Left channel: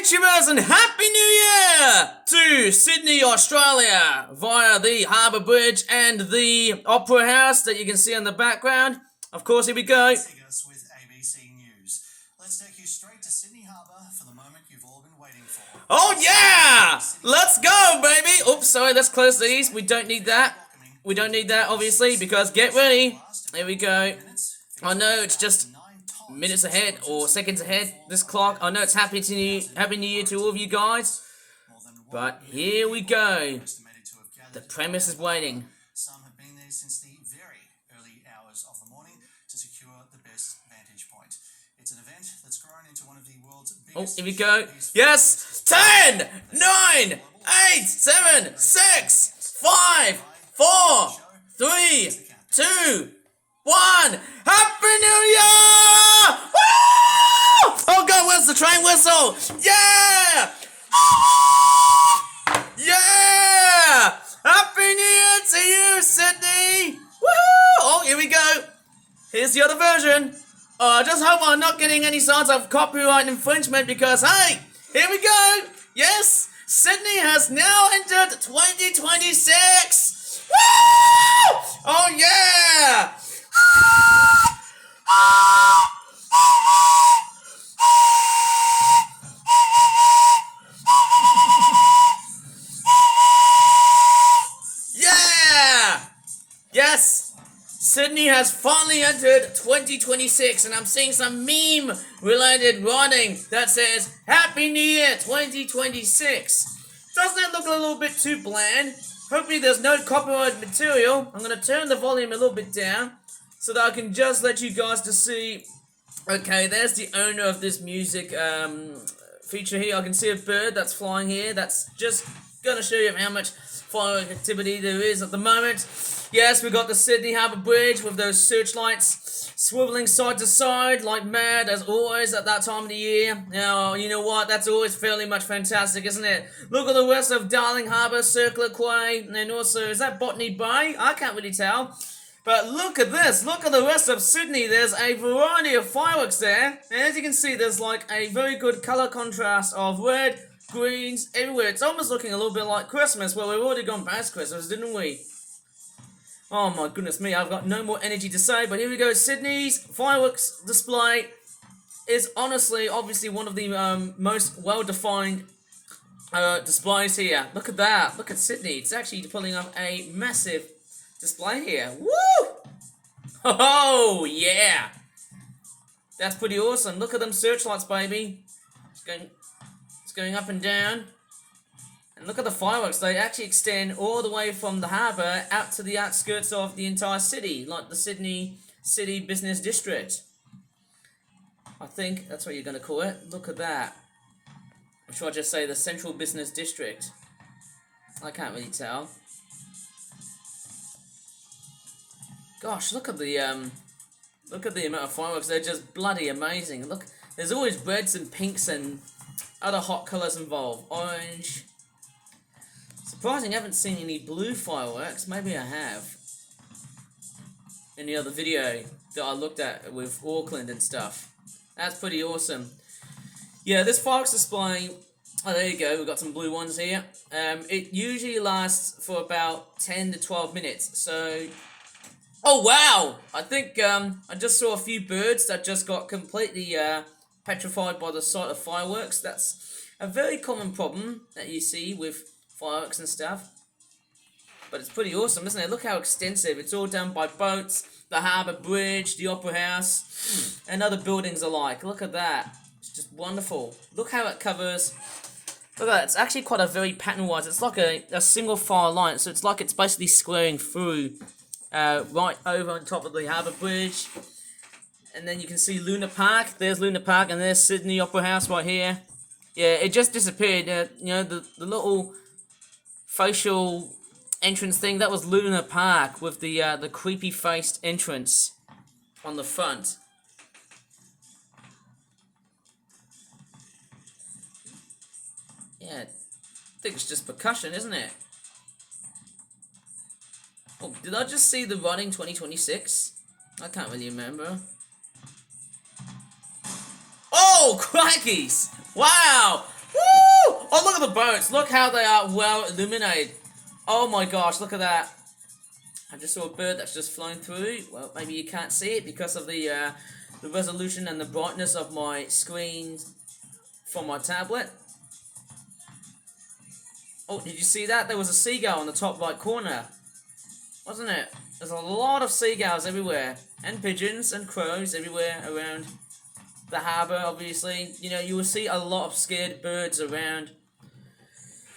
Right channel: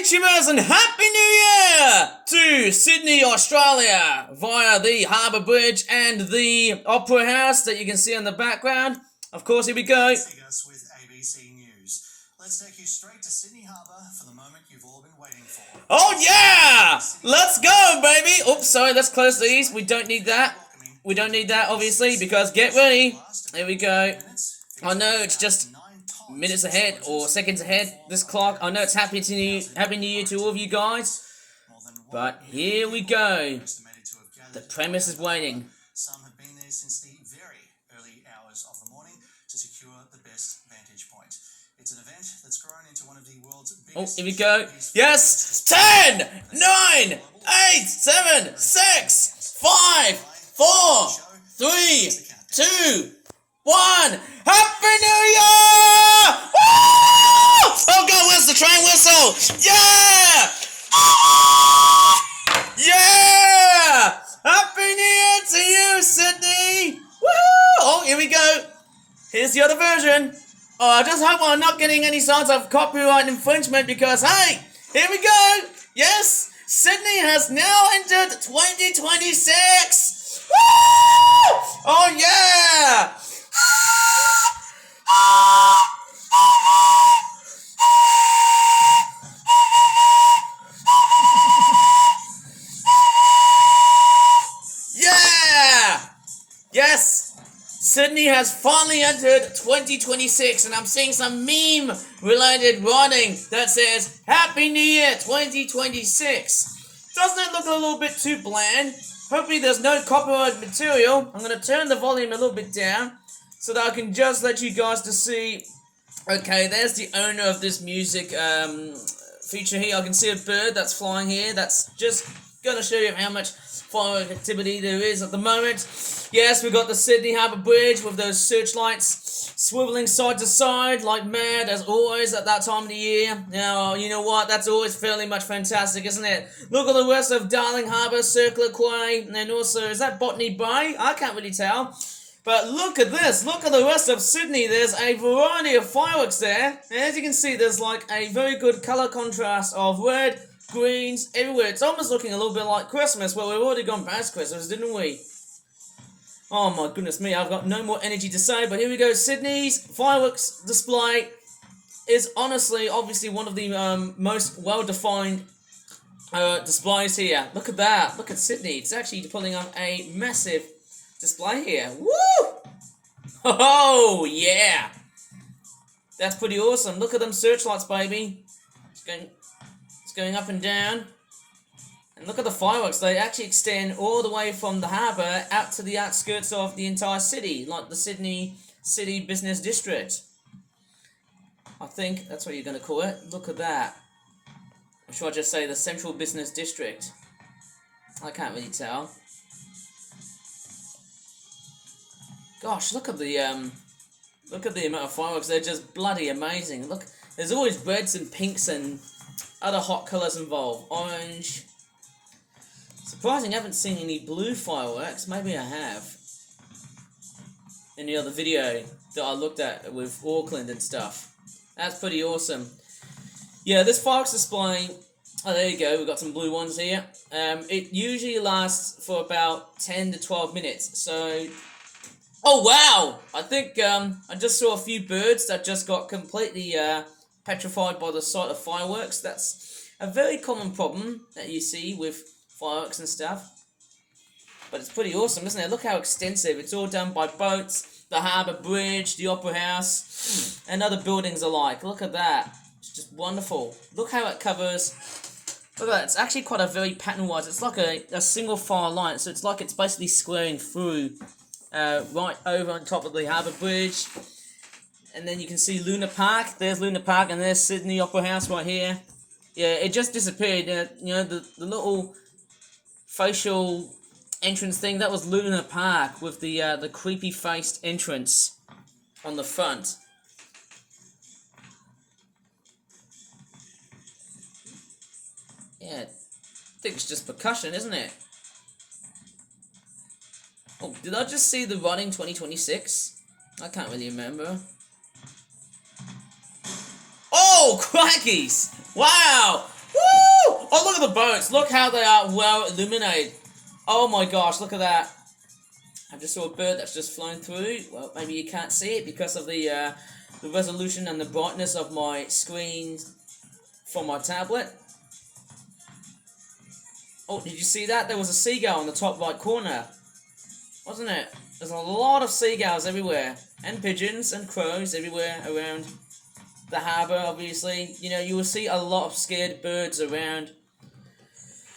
beachers and Happy New Year to Sydney, Australia via the Harbour Bridge and the Opera House that you can see in the background. Of course, here we go. With ABC News. Let's take you straight to Sydney Harbour for the moment you've all been waiting for. Oh yeah! Let's go, baby! Oops, sorry, let's close these. We don't need that. We don't need that, obviously, because get ready. Here we go. I know it's just minutes ahead or seconds ahead, this clock. I know it's Happy New Year to all of you guys. But here we go. The premise is waiting. Some have been there since the very early hours of the morning to secure the best vantage point. It's an event that's grown into one of the world's biggest... Oh, here we go. Yes! 10, 9, 8, 7, 6, 5, 4, 3, 2, 1. Happy New Year! Woo! Oh God, where's the train whistle? Yeah! Yeah! Happy New Year to you, Sydney! Woohoo! Oh, here we go. Here's the other version. Oh, I just hope I'm not getting any sorts of copyright infringement because, hey, here we go. Yes, Sydney has now entered 2026. Woo! Oh, yeah! Yeah! Yes! Sydney has finally entered 2026 and I'm seeing some meme related writing that says Happy New Year 2026. Doesn't it look a little bit too bland? Hopefully there's no copyright material. I'm going to turn the volume a little bit down so that I can just let you guys to see. Okay, there's the owner of this music feature here. I can see a bird that's flying here. That's just going to show you how much firework activity there is at the moment. Yes, we've got the Sydney Harbour Bridge with those searchlights swiveling side to side like mad as always at that time of the year. Now, you know what? That's always fairly much fantastic, isn't it? Look at the rest of Darling Harbour, Circular Quay, and then also, is that Botany Bay? I can't really tell. But look at this. Look at the rest of Sydney. There's a variety of fireworks there. And as you can see, there's like a very good colour contrast of red, greens, everywhere. It's almost looking a little bit like Christmas. Well, we've already gone past Christmas, didn't we? Oh my goodness me, I've got no more energy to say, but here we go. Sydney's fireworks display is honestly, obviously, one of the most well-defined displays here. Look at that. Look at Sydney. It's actually pulling up a massive display here. Woo! Oh, yeah! That's pretty awesome. Look at them searchlights, baby. It's going up and down. And look at the fireworks. They actually extend all the way from the harbour out to the outskirts of the entire city, like the Sydney City Business District. I think that's what you're going to call it. Look at that. Or should I just say the Central Business District? I can't really tell. Gosh, look at the amount of fireworks. They're just bloody amazing. Look, there's always reds and pinks and other hot colours involved. Orange. Surprising, I haven't seen any blue fireworks. Maybe I have. In the other video that I looked at with Auckland and stuff. That's pretty awesome. Yeah, this fireworks display. Oh, there you go. We've got some blue ones here. It usually lasts for about 10 to 12 minutes. So, oh wow! I think I just saw a few birds that just got completely petrified by the sight of fireworks. That's a very common problem that you see with fireworks and stuff. But it's pretty awesome, isn't it? Look how extensive. It's all done by boats, the Harbour Bridge, the Opera House, and other buildings alike. Look at that. It's just wonderful. Look how it covers. Look at that. It's actually quite a very pattern-wise. It's like a single file line. So it's like it's basically squaring through right over on top of the Harbour Bridge. And then you can see Luna Park. There's Luna Park, and there's Sydney Opera House right here. Yeah, it just disappeared. You know, the little facial entrance thing, that was Luna Park with the creepy faced entrance on the front. Yeah, I think it's just percussion, isn't it? Oh, did I just see the running 2026? I can't really remember. Oh, crikeys! Wow! Woo! Oh, look at the boats. Look how they are well illuminated. Oh my gosh, look at that. I just saw a bird that's just flown through. Well, maybe you can't see it because of the resolution and the brightness of my screen from my tablet. Oh, did you see that? There was a seagull in the top right corner. Wasn't it? There's a lot of seagulls everywhere. And pigeons and crows everywhere around the harbour, obviously. You know, you will see a lot of scared birds around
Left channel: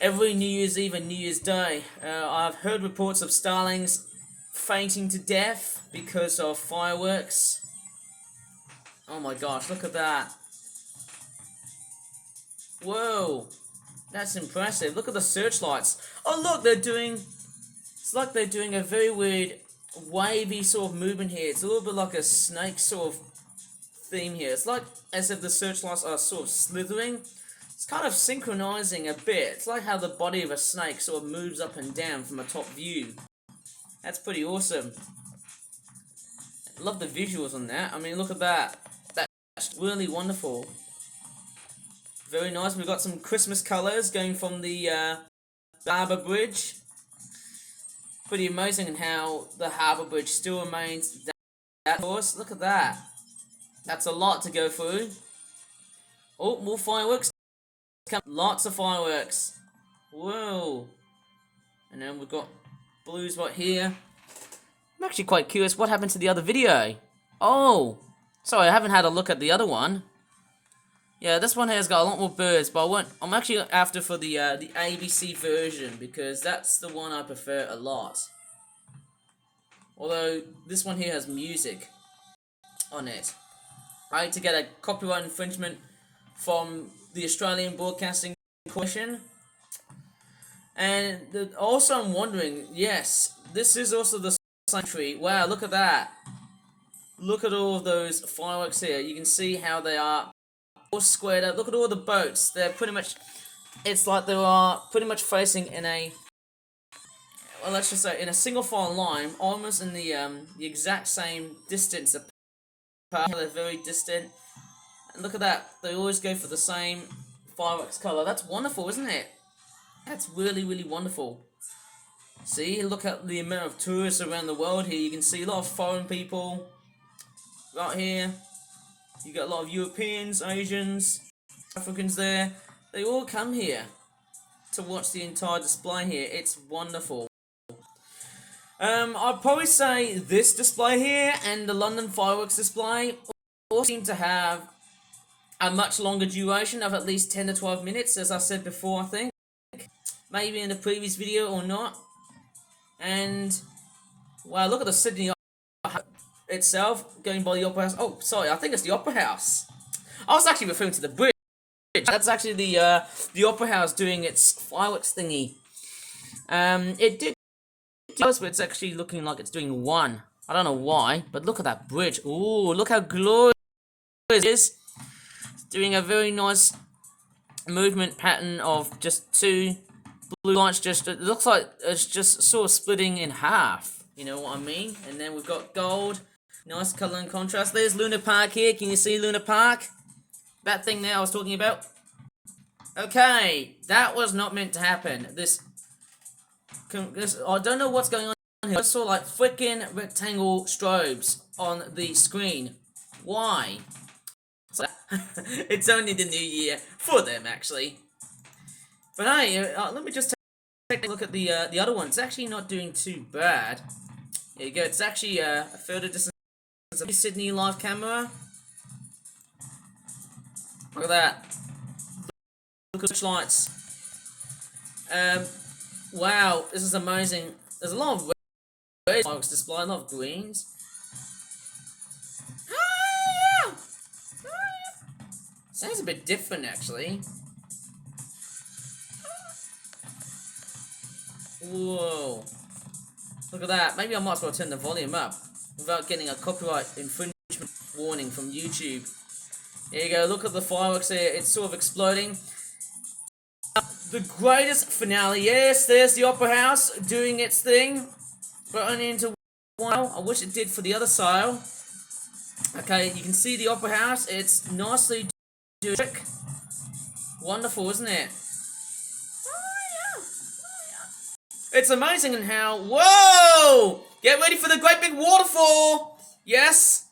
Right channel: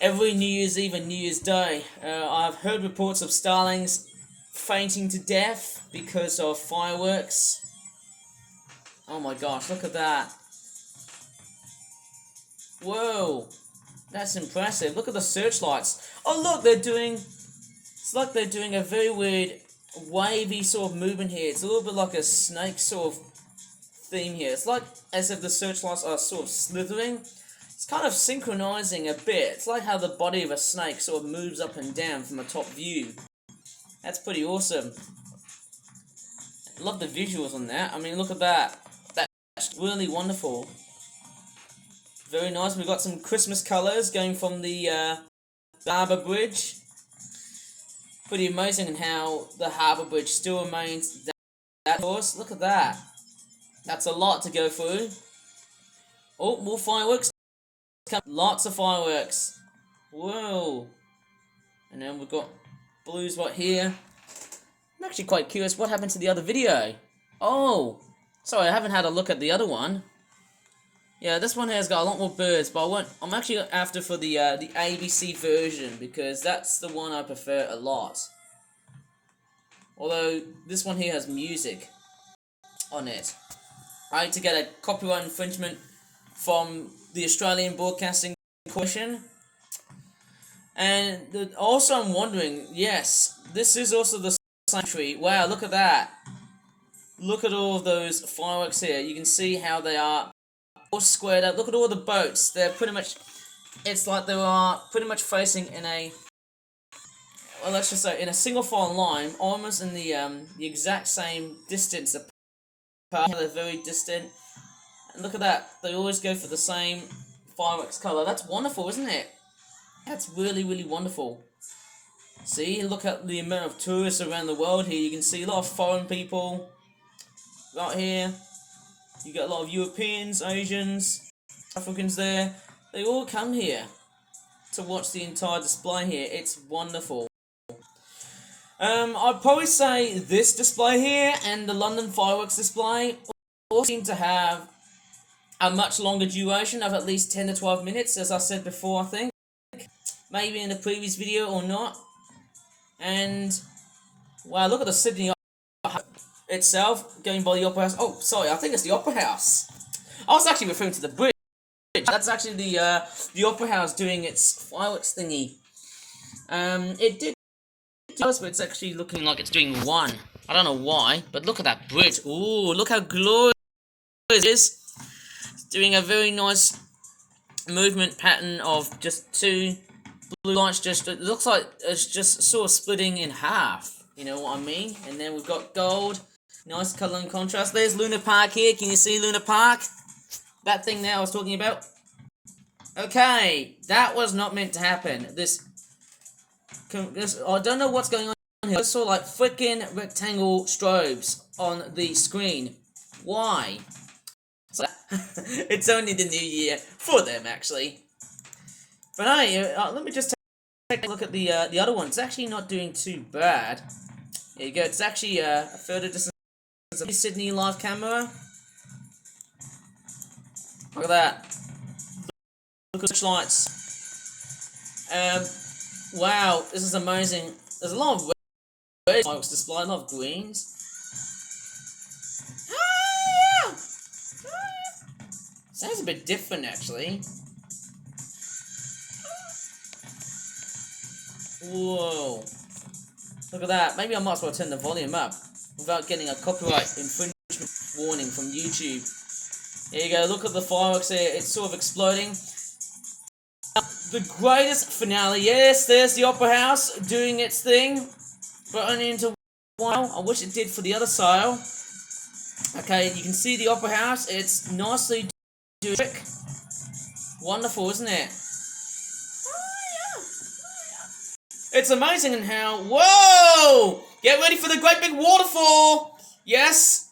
every New Year's Eve and New Year's Day. I've heard reports of starlings fainting to death because of fireworks. Oh my gosh, look at that. Whoa, that's impressive. Look at the searchlights. Oh look, it's like they're doing a very weird wavy sort of movement here. It's a little bit like a snake sort of theme here. It's like as if the searchlights are sort of slithering. It's kind of synchronizing a bit. It's like how the body of a snake sort of moves up and down from a top view. That's pretty awesome. I love the visuals on that. I mean, look at that. That's really wonderful. Very nice. We've got some Christmas colours going from the harbour bridge. Pretty amazing in how the harbour bridge still remains that course. Look at that. That's a lot to go through. Oh, more fireworks. Lots of fireworks. Whoa. And then we've got blues right here. I'm actually quite curious what happened to the other video. Oh, sorry, I haven't had a look at the other one. Yeah, this one has got a lot more birds, but I'm actually after for the ABC version because that's the one I prefer a lot. Although this one here has music on it. I had to get a copyright infringement from the Australian Broadcasting Corporation. And also I'm wondering, yes, this is also the same tree. Wow, look at that. Look at all of those fireworks here. You can see how they are all squared up. Look at all the boats. They're pretty much, it's like they are pretty much facing in a, well, let's just say in a single file line, almost in the exact same distance apart. They're very distant. And look at that. They always go for the same fireworks color. That's wonderful, isn't it? That's really, really wonderful. See, look at the amount of tourists around the world here. You can see a lot of foreign people right here. You got a lot of Europeans, Asians, Africans there. They all come here to watch the entire display here. It's wonderful. I'd probably say this display here and the London fireworks display all seem to have a much longer duration of at least 10 to 12 minutes, as I said before, I think. Maybe in the previous video or not. And, wow, look at the Sydney itself, going by the Opera House. Oh, sorry, I think it's the Opera House. I was actually referring to the bridge. That's actually the Opera House doing its fireworks thingy. It did, but it's actually looking like it's doing one. I don't know why, but look at that bridge. Ooh, look how glorious it is. It's doing a very nice movement pattern of just two blue lights. Just it looks like it's just sort of splitting in half. You know what I mean? And then we've got gold. Nice colour and contrast. There's Luna Park here. Can you see Luna Park? That thing there I was talking about. Okay, that was not meant to happen. This I don't know what's going on here. I saw like freaking rectangle strobes on the screen. Why? So, it's only the new year for them, actually. But hey, let me just take a look at the other one. It's actually not doing too bad. There you go. It's actually a further distance. Sydney live camera. Look at that. Look at the lights. Wow, this is amazing. There's a lot of red fireworks display, a lot of greens. Sounds a bit different, actually. Whoa. Look at that. Maybe I might as well turn the volume up without getting a copyright infringement warning from YouTube. There you go. Look at the fireworks there. It's sort of exploding. The greatest finale. Yes, there's the Opera House doing its thing. But only into one. I wish it did for the other side. Okay, you can see the Opera House. It's nicely doing. Wonderful, isn't it? It's amazing in how... Whoa! Get ready for the great big waterfall! Yes!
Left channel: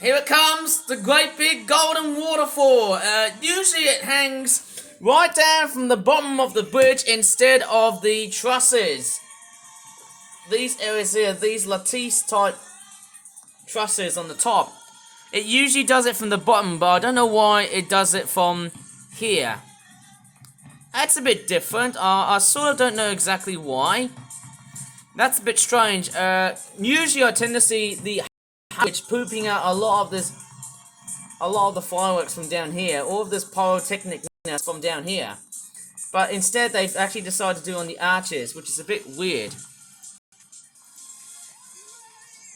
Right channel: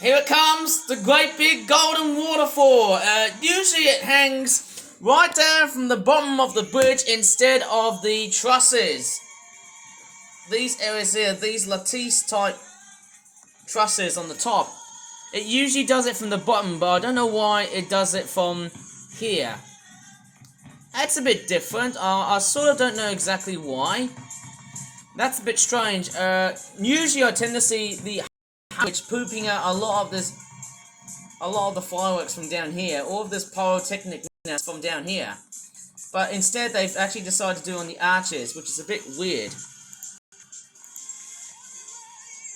Here it comes, the great big golden waterfall. Usually it hangs right down from the bottom of the bridge instead of the trusses. These areas here, these lattice type trusses on the top. It usually does it from the bottom, but I don't know why it does it from here. That's a bit different. I sort of don't know exactly why. That's a bit strange. Usually I tend to see the which pooping out a lot of the fireworks from down here. All of this pyrotechnicness from down here. But instead they've actually decided to do it on the arches, which is a bit weird.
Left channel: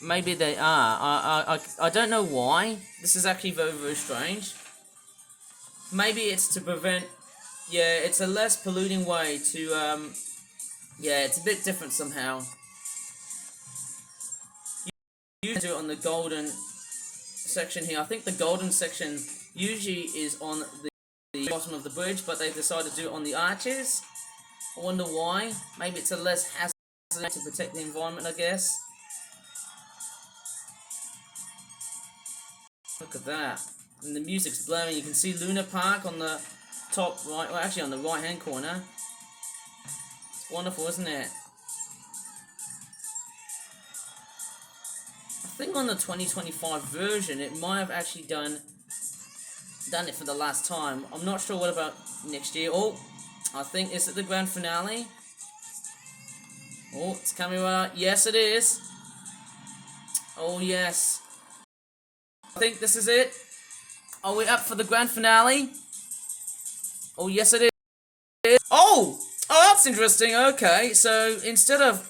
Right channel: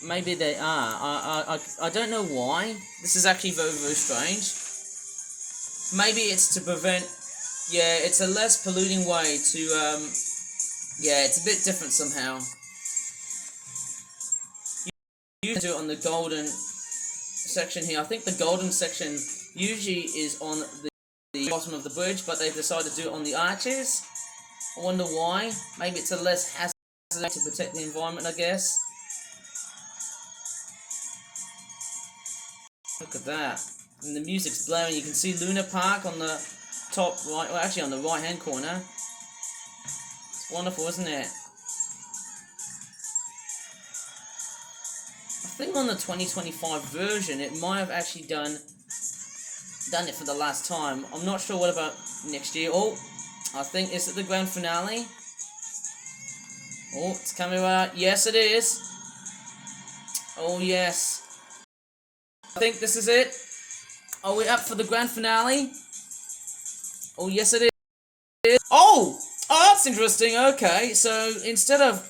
Maybe they are. I don't know why. This is actually very, very strange. Maybe it's to prevent... Yeah, it's a less polluting way to, yeah, it's a bit different somehow. You do it on the golden section here. I think the golden section usually is on the bottom of the bridge, but they've decided to do it on the arches. I wonder why. Maybe it's a less hazard to protect the environment, I guess. Look at that. And the music's blaring. You can see Luna Park on the top right, well actually on the right hand corner. It's wonderful, isn't it? I think on the 2025 version it might have actually done it for the last time. I'm not sure what about next year. Oh, I think, is it the grand finale? Oh, it's coming right out. Yes, it is. Oh yes, I think this is it. Are we up for the grand finale? Oh, yes it is. Oh, that's interesting. Okay, so instead of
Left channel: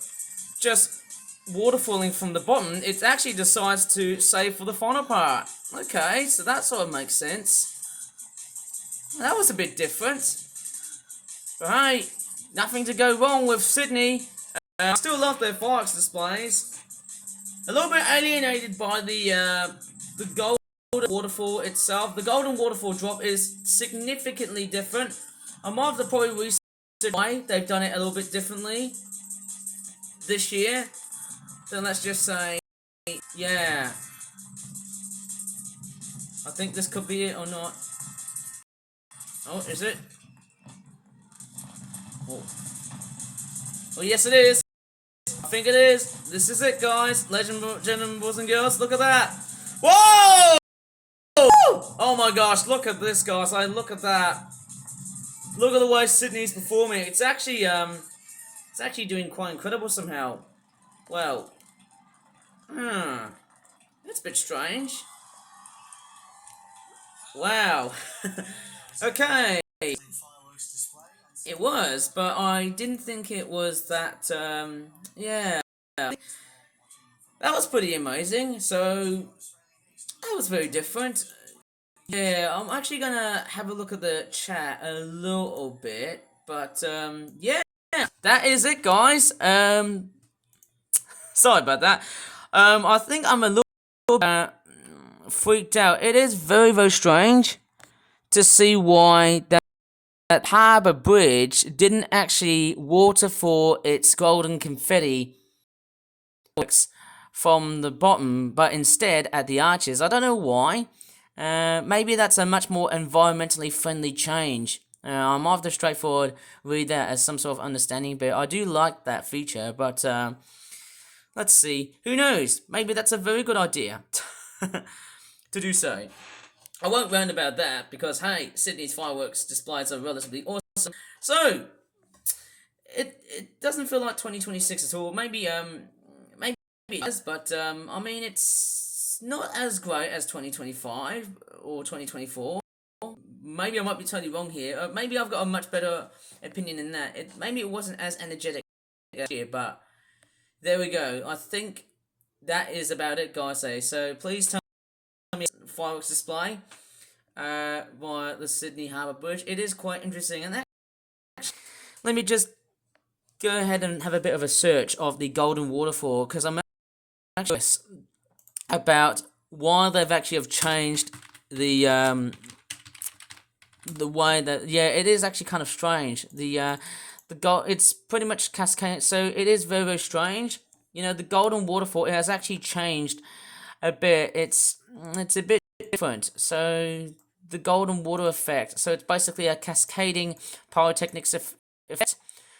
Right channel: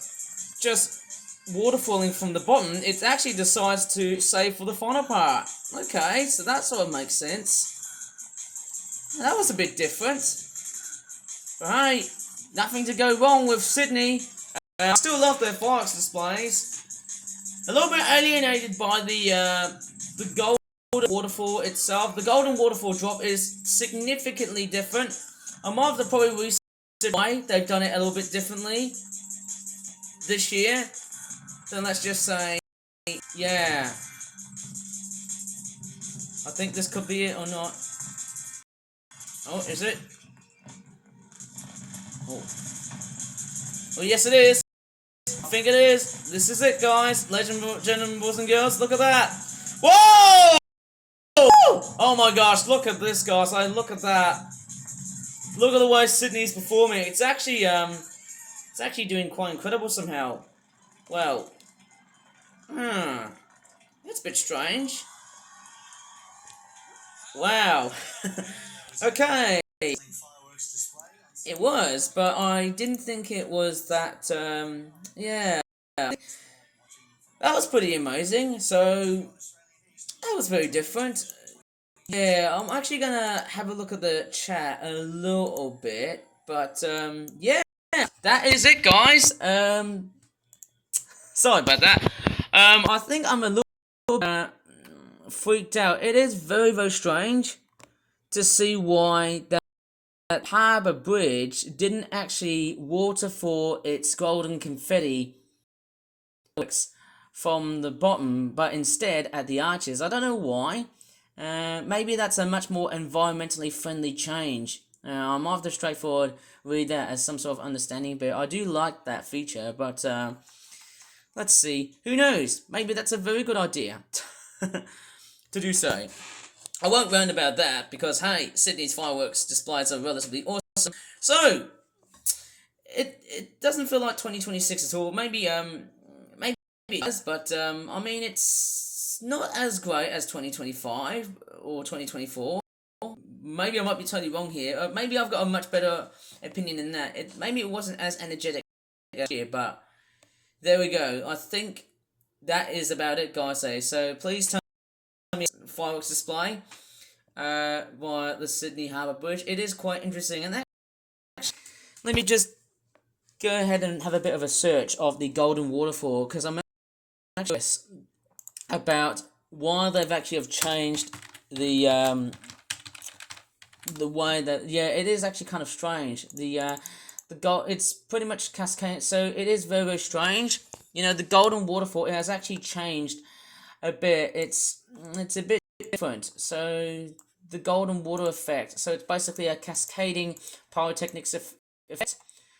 just waterfalling from the bottom, it actually decides to save for the final part. Okay, so that sort of makes sense. That was a bit different. But hey, nothing to go wrong with Sydney. I still love their fireworks displays. A little bit alienated by the golden waterfall itself. The golden waterfall drop is significantly different. I might have probably researched why they've done it a little bit differently this year. So let's just say, yeah. I think this could be it or not. Oh, is it? Oh. Oh, yes it is. I think it is. This is it, guys. Gentlemen, boys and girls, look at that. Whoa! Oh my gosh, look at this, guys. Look at that. Look at the way Sydney's performing. It's actually doing quite incredible somehow. Well, that's a bit strange. Wow. Okay. It was, but I didn't think it was that, yeah. That was pretty amazing, so that was very different. Yeah, I'm actually gonna have a look at the chat a little bit, but, yeah. That is it, guys. Sorry about that. I think I'm a little freaked out. It is very, very strange to see why that harbour bridge didn't actually waterfall its golden confetti from the bottom, but instead at the arches. I don't know why. Maybe that's a much more environmentally friendly change. I'm of the straightforward read that as some sort of understanding, but I do like that feature. But let's see. Who knows? Maybe that's a very good idea to do so. I won't rant about that because, hey, Sydney's fireworks displays are relatively awesome. So, it doesn't feel like 2026 at all. Maybe it does, but I mean, it's not as great as 2025 or 2024. Maybe I might be totally wrong here. Maybe I've got a much better opinion than that. Maybe it wasn't as energetic here, but there we go. I think that is about it, guys. So please tell me fireworks display via the Sydney Harbour Bridge. It is quite interesting, and let me just go ahead and have a bit of a search of the Golden Waterfall because I'm actually about why they've actually have changed the the way that, yeah, it is actually kind of strange. The gold, it's pretty much cascading, so it is very, very strange. You know, the golden waterfall, it has actually changed a bit. It's a bit different. So the golden water effect, so it's basically a cascading pyrotechnics effect.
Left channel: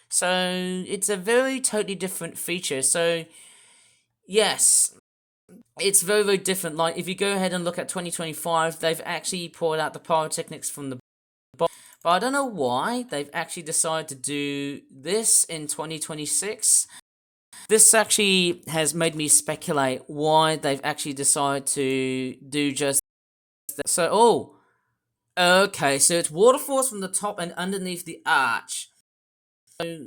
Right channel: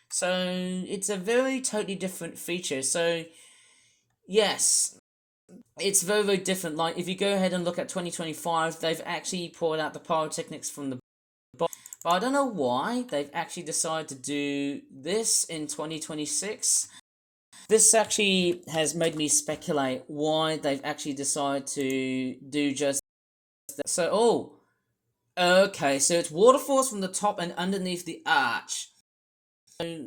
So it's a very totally different feature. So yes, it's very, very different. Like if you go ahead and look at 2025, they've actually poured out the pyrotechnics from the bottom. But I don't know why they've actually decided to do this in 2026. This actually has made me speculate why they've actually decided to do just that. So, oh, okay, so it's waterfalls from the top and underneath the arch. So,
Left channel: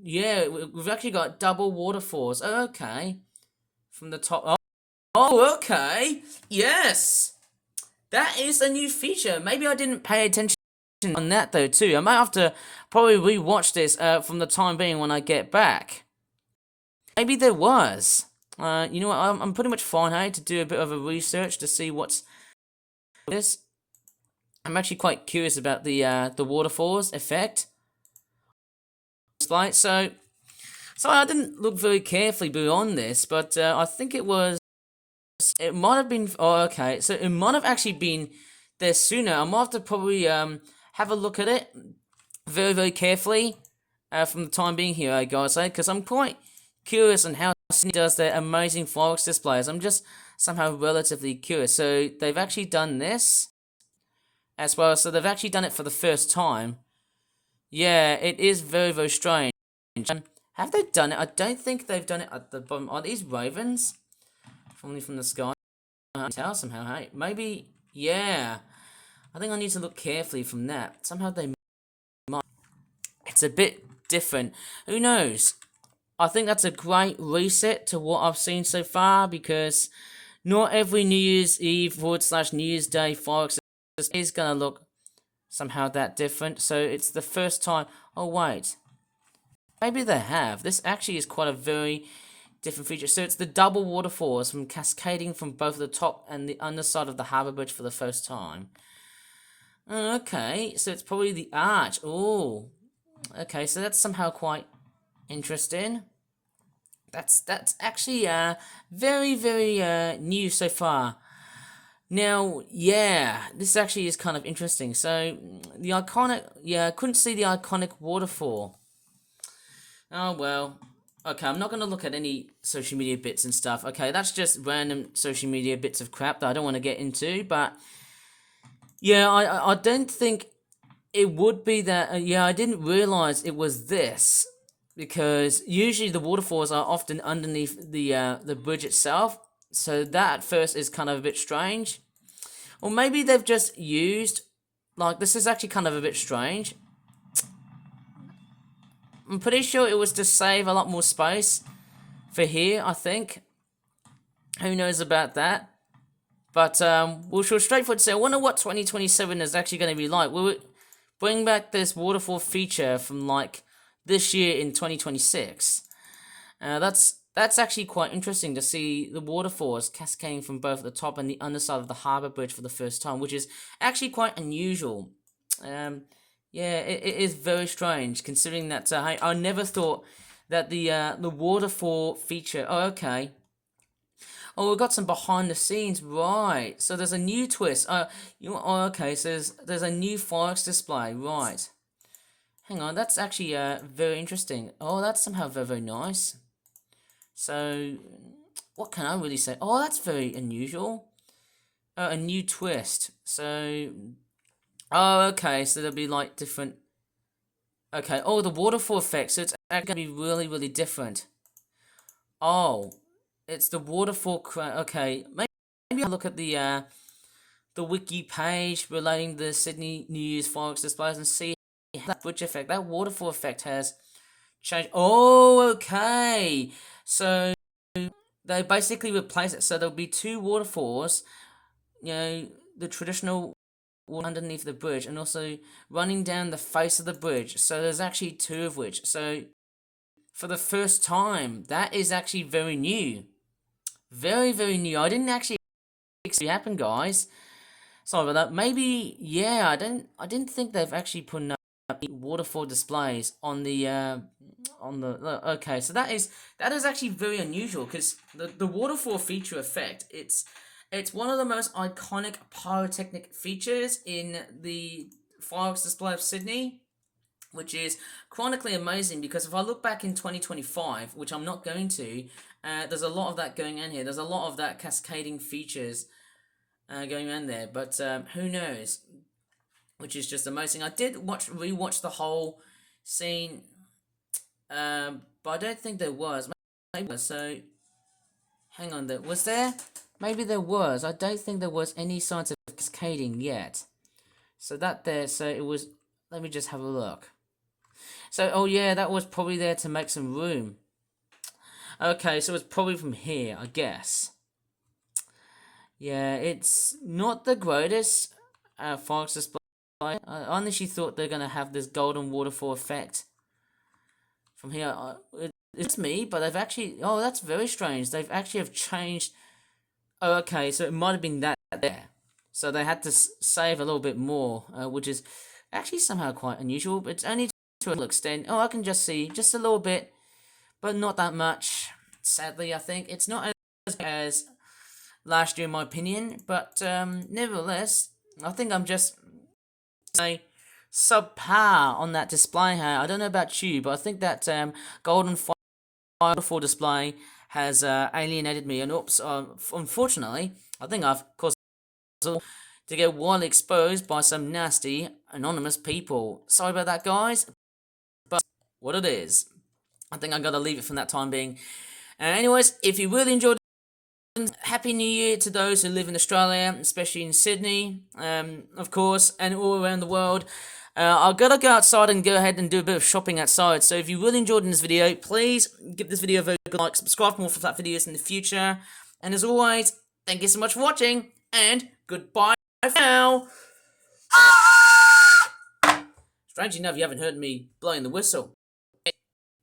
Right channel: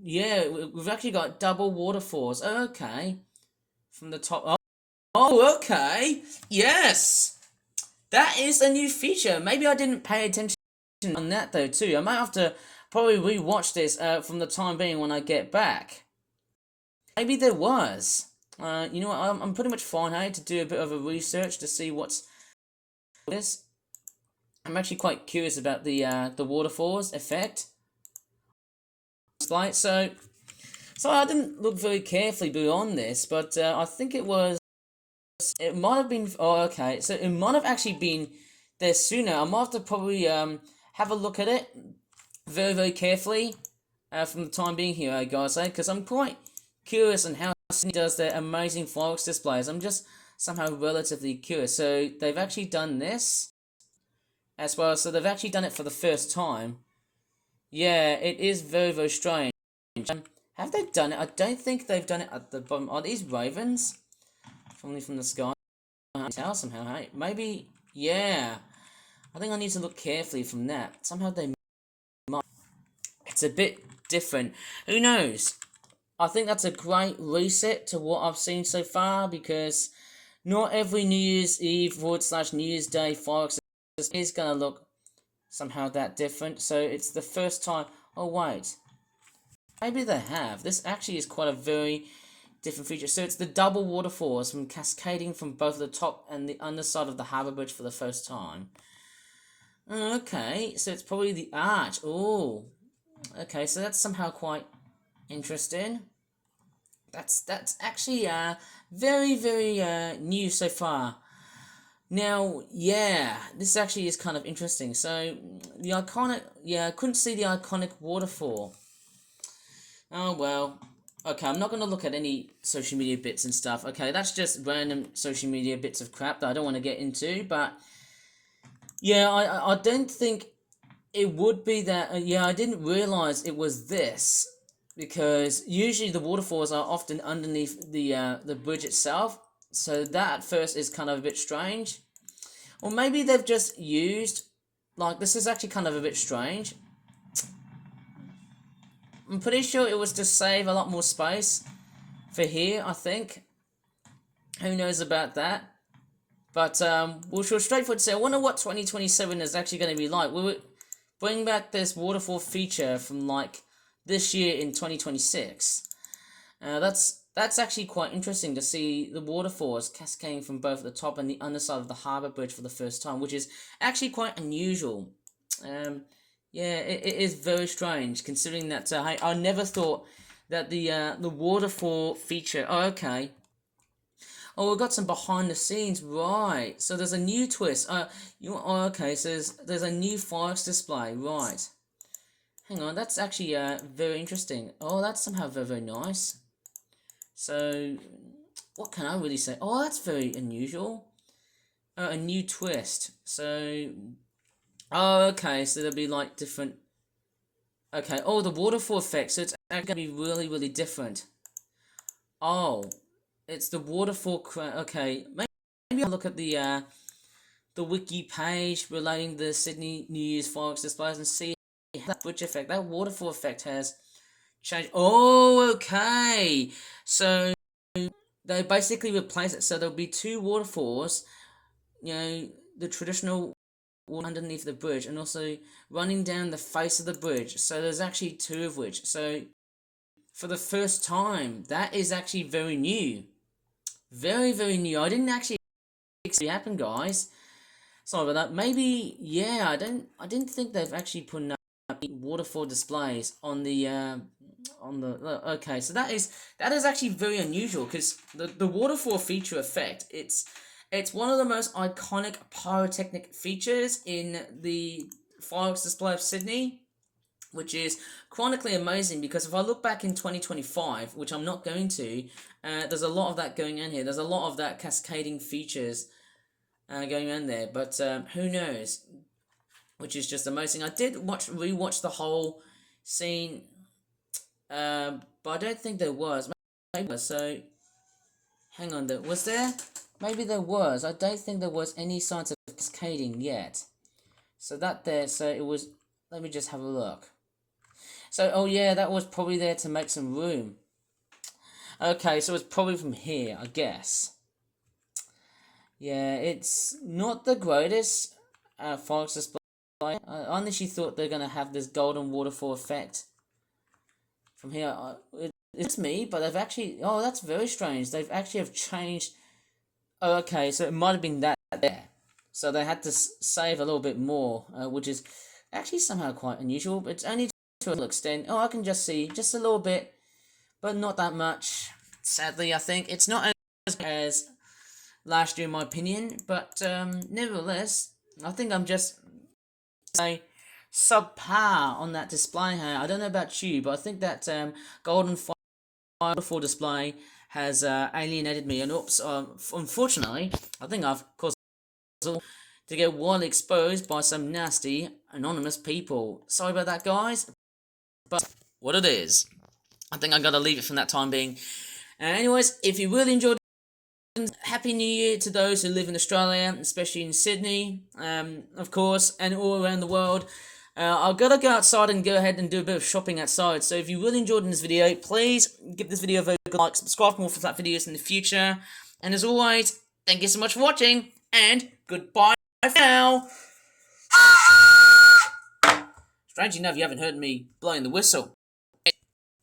yeah, we've actually got double waterfalls. Okay, from the top. Oh, okay. Yes, that is a new feature. Maybe I didn't pay attention on that though too. I might have to probably rewatch this from the time being when I get back. Maybe there was. You know what? I'm pretty much fine. I had to do a bit of a research to see what's this. I'm actually quite curious about the waterfalls effect. Like so I didn't look very carefully beyond this, but I think it was. It might have been. Oh, okay. So it might have actually been there sooner. I might have to probably have a look at it very, very carefully from the time being here, guys, because I'm quite curious on how Sydney does their amazing fireworks displays. I'm just somehow relatively curious. So they've actually done this as well. So they've actually done it for the first time. Yeah, it is very, very strange. Have they done it? I don't think they've done it at the bottom. Are these ravens? Falling from the sky? I can tell somehow, hey? Maybe, yeah. I think I need to look carefully from that. Somehow they might. It's a bit different. Who knows? I think that's a great reset to what I've seen so far, because not every New Year's Eve / New Year's Day fireworks is going to look somehow that different. So it's the first time. Oh, wait. Maybe they have. This actually is quite a very different feature. So it's the double waterfalls from cascading from both the top and the underside of the harbour bridge for the first time. Okay, so it's probably the arch. Oh, okay, so that's somehow quite interesting. That's actually very, very new so far. Now, yeah, this actually is kind of interesting. So the iconic, yeah, I couldn't see the iconic waterfall. Oh well. Okay, I'm not going to look at any social media bits and stuff. Okay, that's just random social media bits of crap that I don't want to get into. But yeah, I don't think it would be that. Yeah, I didn't realize it was this, because usually the waterfalls are often underneath the bridge itself. So that at first is kind of a bit strange. Or maybe they've just used, like, this is actually kind of a bit strange. I'm pretty sure it was to save a lot more space for here, I think. Who knows about that? But we'll go straightforward to say, I wonder what 2027 is actually going to be like. We'll bring back this waterfall feature from like this year in 2026. That's actually quite interesting to see the waterfalls cascading from both the top and the underside of the harbour bridge for the first time, which is actually quite unusual. Yeah, it is very strange considering that hey, I never thought that the waterfall feature. Oh, okay. Oh, we've got some behind the scenes, right? So there's a new twist. Oh, okay. So there's a new fireworks display, right? Hang on, that's actually very interesting. Oh, that's somehow very, very nice. So, what can I really say? Oh, that's very unusual. A new twist. So, oh, okay. So there'll be like different. Okay. Oh, the waterfall effect. So it's actually gonna be really, really different. Oh, it's the waterfall. Okay, maybe I'll look at the wiki page relating the Sydney New Year's fireworks displays and see how that bridge effect, that waterfall effect has changed. Oh, okay. So they basically replace it. So there'll be two waterfalls, you know, the traditional one underneath the bridge and also running down the face of the bridge. So there's actually two of which. So for the first time, that is actually very new. Very, very new. I didn't actually expect it to happen, guys. Sorry about that. Maybe, yeah. I didn't think they've actually put enough waterfall displays on the okay. So that is actually very unusual because the waterfall feature effect. It's one of the most iconic pyrotechnic features in the fireworks display of Sydney, which is chronically amazing because if I look back in 2025, which I'm not going to, there's a lot of that going on here. There's a lot of that cascading features going on there, but who knows? Which is just amazing. I did rewatch the whole scene, but I don't think there was. Maybe so. Hang on, was there? Maybe there was. I don't think there was any signs of cascading yet. So that there. So it was. Let me just have a look. So oh yeah, that was probably there to make some room. Okay, so it's probably from here, I guess. Yeah, it's not the greatest fireworks display. I honestly thought they're gonna have this golden waterfall effect from here. It's me, but they've actually. Oh, that's very strange. They've actually have changed. Oh, okay, so it might have been that there. So they had to save a little bit more, which is actually somehow quite unusual. But it's only to a little extent. Oh, I can just see just a little bit, but not that much. Sadly, I think it's not as good as last year, in my opinion. But nevertheless, I think I'm just say subpar on that display here. I don't know about you, but I think that golden waterfall display has alienated me. And oops, unfortunately, I think I've caused to get widely exposed by some nasty anonymous people. Sorry about that, guys, but what it is. I think I gotta leave it from that time being. Anyways, if you really enjoyed, Happy New Year to those who live in Australia, especially in Sydney, of course, and all around the world. I've got to go outside and go ahead and do a bit of shopping outside. So if you really enjoyed this video, please give this video a very good like, subscribe for more for that videos in the future. And as always, thank you so much for watching, and goodbye for now. Strange enough, you haven't heard me blowing the whistle.